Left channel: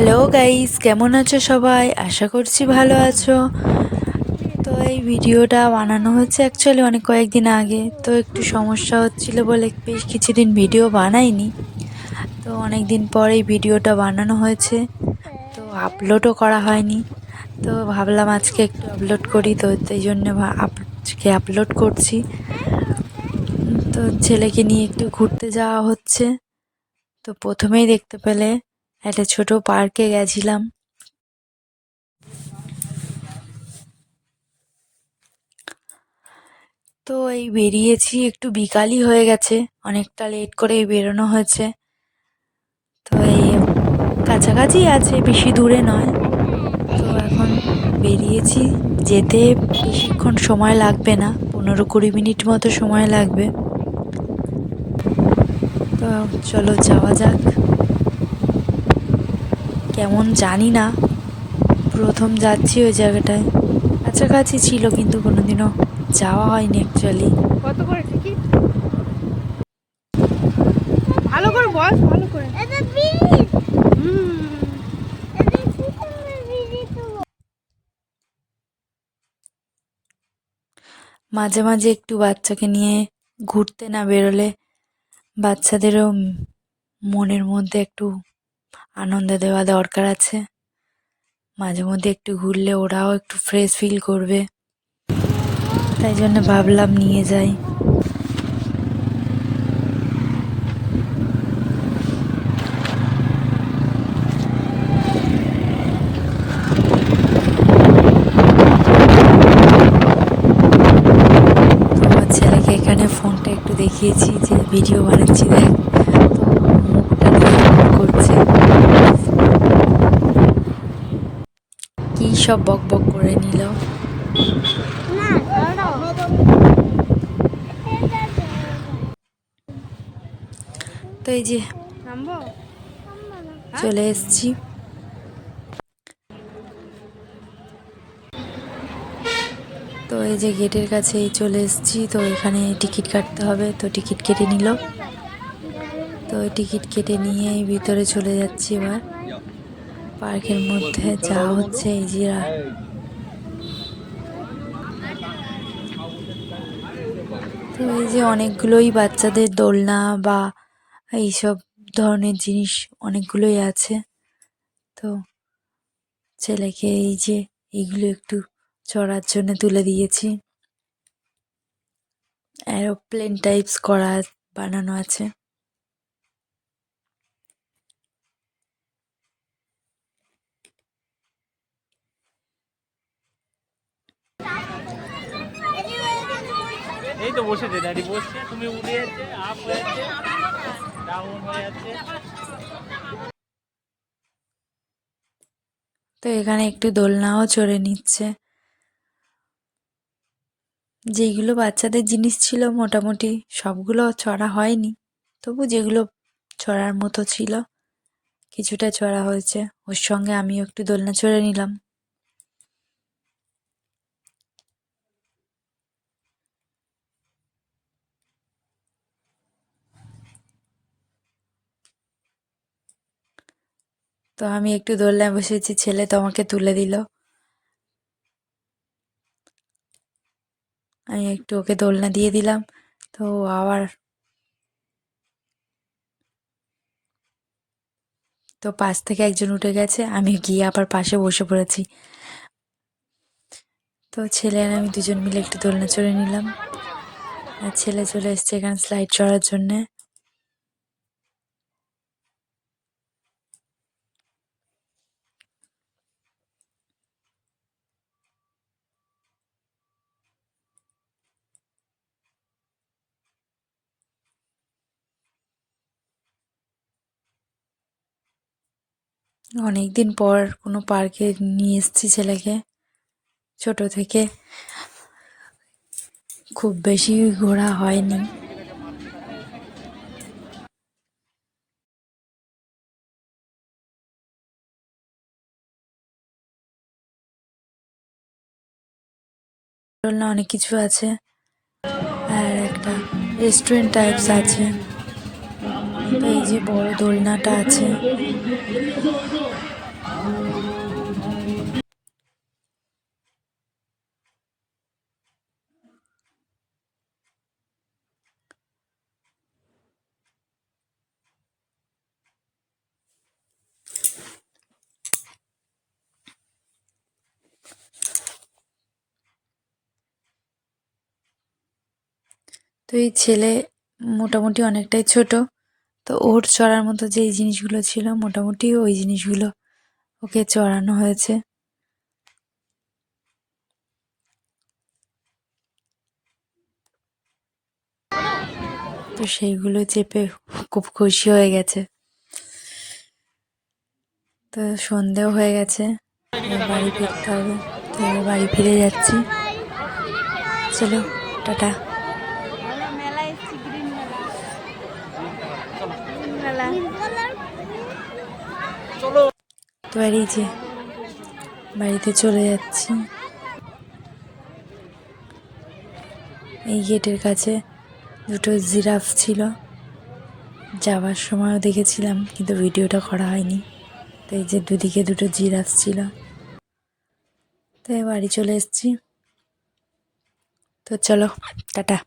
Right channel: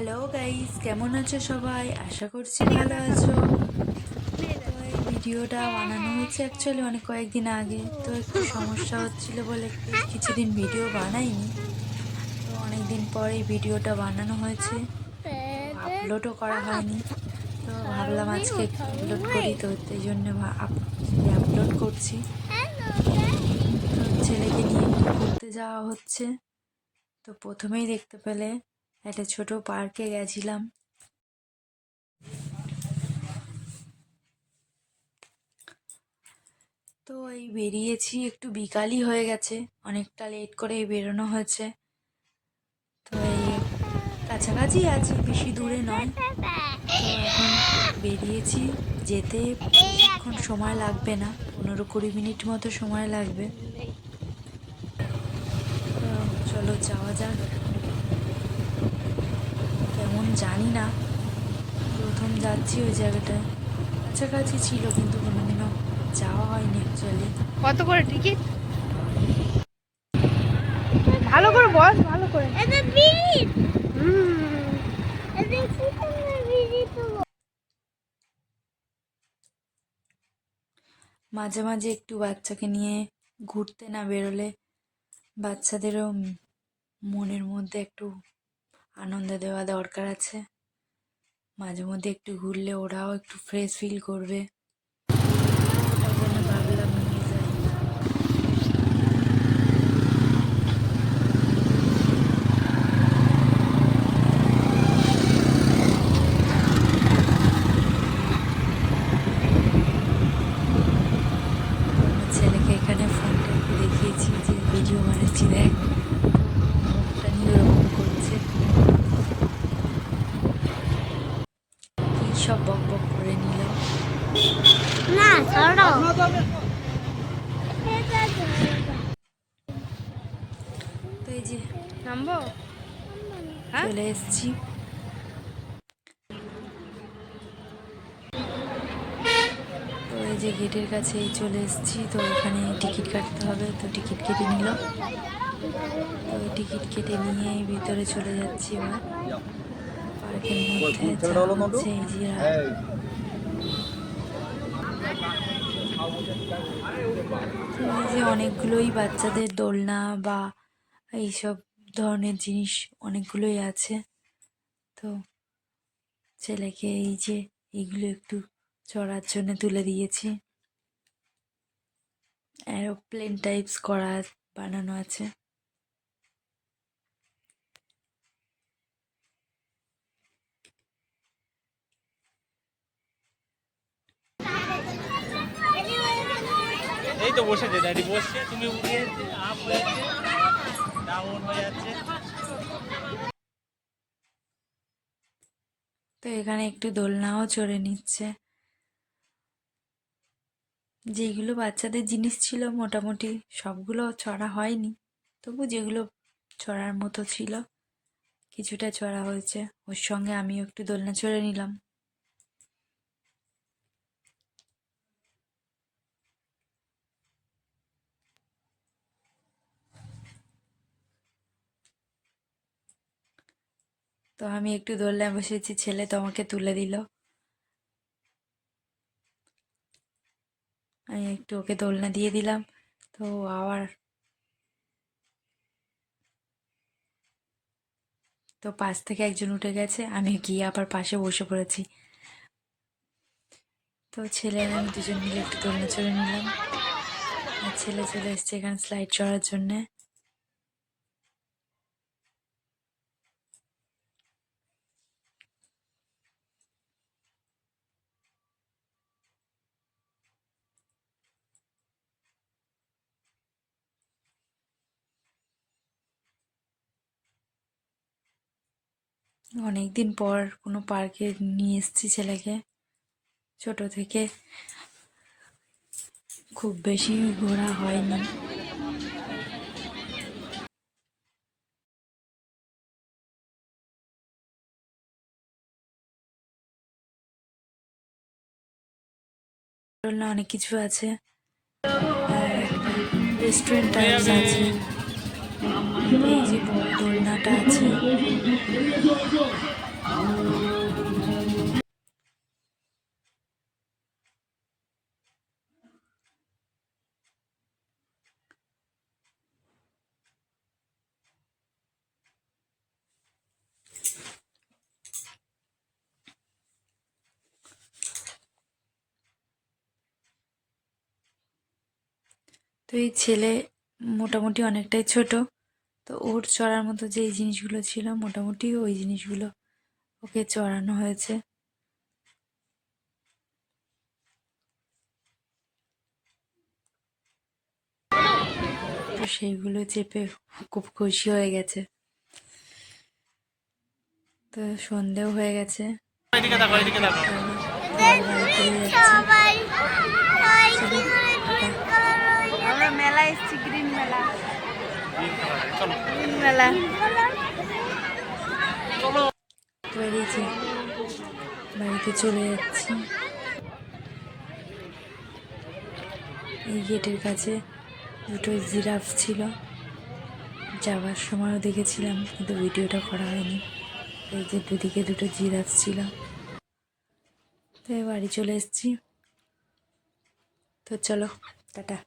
Hello guys, কেমন আছো সবাই? আশা করছি ভালো আছো। তো এই ভিডিওটা বানানো হচ্ছে অ্যাকচুয়ালি অনেক কয়েকদিন আগে, তো একটু সমস্যা হচ্ছিল বলে বেশ কিছুদিন ভিডিও বানাইনি। তো অনেক দিন পর এই ভিডিওটা বানানো হয়েছে, তো আপলোডও করা হয়নি। তো ভাবলাম আজকে একটু আপলোড করি, তো এই জন্য আজকে আপলোড করছি। তো ছেলেকে নিয়ে একটু ঘুরতে যাওয়া হচ্ছে। তো প্রথমেই দেখতে পেলে একটা ছোট পার্কে গেছিলাম। তো এই বেরিয়েছি, একটু বিকালই হয়ে গেছে, অনেকটা লেট করেই বেরোনো হয়েছে। তো এই কাছাকাছি আছে, বেশি দূরে নয়। তো এখন বেরিয়েছি, যেতে বেশিক্ষণ সময় লাগবে না, 15-20 মিনিট মতো সময় লাগবে। তো চলো যাওয়া যাক। কেমন জানি না, প্রথম যাচ্ছি ওই জায়গাটায়। কাছাকাছি ছিল কিন্তু কোনোদিনও যাওয়া হয়নি অ্যাকচুয়ালি। কত করে টিকিট? ভালো করে বস, ভালো করে। মাঝে মাঝে একটু বাচ্চাকে নিয়ে ঘুরতে না বেরোলে বাচ্চাদেরও মনের মধ্যে একটু আনন্দ দেওয়া দরকার আছে। মাঝে মধ্যে একটু ঘুরলে ওরাও একটু ফ্রেশ ফিল করবে, তাই জন্য ভাবলাম নিয়ে যাই। তো আমার ছেলেকে এখানে ফোনটা একটু দেখিয়েছি যে ভিডিও বানাচ্ছি, দেখ। তো মুখটা দিয়ে করছে, কী সব বক বক করে নিল। না ছাড়ো। তো এই যে নামবো? চলে এসেছি। তো এই যে গেটের কাছেই চলে এসেছি, তো এখানে টিকিট কাটতে হবে, তো টিকিট কেটে নিল। তো টিকিট কেটে নিয়ে ভিতরে চলে যাচ্ছি এবার। পার্কের মধ্যে যা হচ্ছে এই যে তো এই যে অনেকগুলোই বাচ্চাদের দোলনা বা এইসব ধরনের জিনিস অনেকগুলোই আছে। তো ছেলেকে এই যে এইগুলো একটু চড়ার জন্য তুলে দিয়েছি। এরোপ্লেন টাইপস করা বানানো আছে। এই তো বসেছে, ড্যাডি বসছে, তুমি উঠে যাচ্ছে, আপ হয়ে যাচ্ছে, ডাউন হয়ে যাচ্ছে। তো এখানে একটু দোলনাও চড়ে নিচ্ছে। যেইগুলো বাচ্চাদের জিনিস ছিল মোটামুটি সবগুলো চড়া হয়নি, তবু যেগুলো চড়ার মতো ছিল কিছুটা চড়া হয়েছে। ওর সঙ্গে আমিও একটু দোলনা চড়ে নিলাম। তো আমি একটু দোলনায় বসেছি, ছেলে তো আমাকে তুলে দিল। আমি একটু ওকে দোলনা দিয়ে দিলাম। তো আবার তো পাশ থেকে একজন উঠে গেছে, আমি গিয়ে আবার পাশে বসে পড়েছি। তো ছেলে আর আমি দুজন মিলে একটু দোলনা চড়ে নিলাম। আর ছেলে চলে এসছে এখানে স্লাইড চড়ার জন্যে। অনেক দিন পর কোনো পার্কে নিয়ে এসেছি ছেলেকে। ছোট থেকে খুব বেশি ঘোরা হয়নি। দোলনা অনেক কিছু আছে, আর একটা রেস্টুরেন্ট টাইপস আছে। এই যে বড় দোলনাটা আছে, তো এই ছেলে মোটামুটি অনেকটাই ছোট, তো ওর চড়ার মতো যেই জিনিসগুলো ছিল মোটামুটি ওই জিনিসগুলো ওকে চড়ানো হয়েছে। তো সেইগুলো চেপে খুব খুশি হয়ে গেছে। তো সন্ধেও হয়ে গেছে, বাড়ি ফিরতে হবে। তো এবার বাড়ি ফিরে যাচ্ছি। চলো টাটা। আমরা মেলা এসেছি, গ্রিন মেলা। গ্রিন মেলা। তো এই যে বাড়িতে চলে যাচ্ছি। এই গেটের কাছে দুটো জিরাফ ছিল, যাওয়ার সময়ও দেখেছিলাম কিন্তু ভিডিওটা করা হয়নি। তো এই যে দুদিকে দুটো জিরাফ ছিল। তো বাড়ি চলে এসেছি। তো চলো টাটা।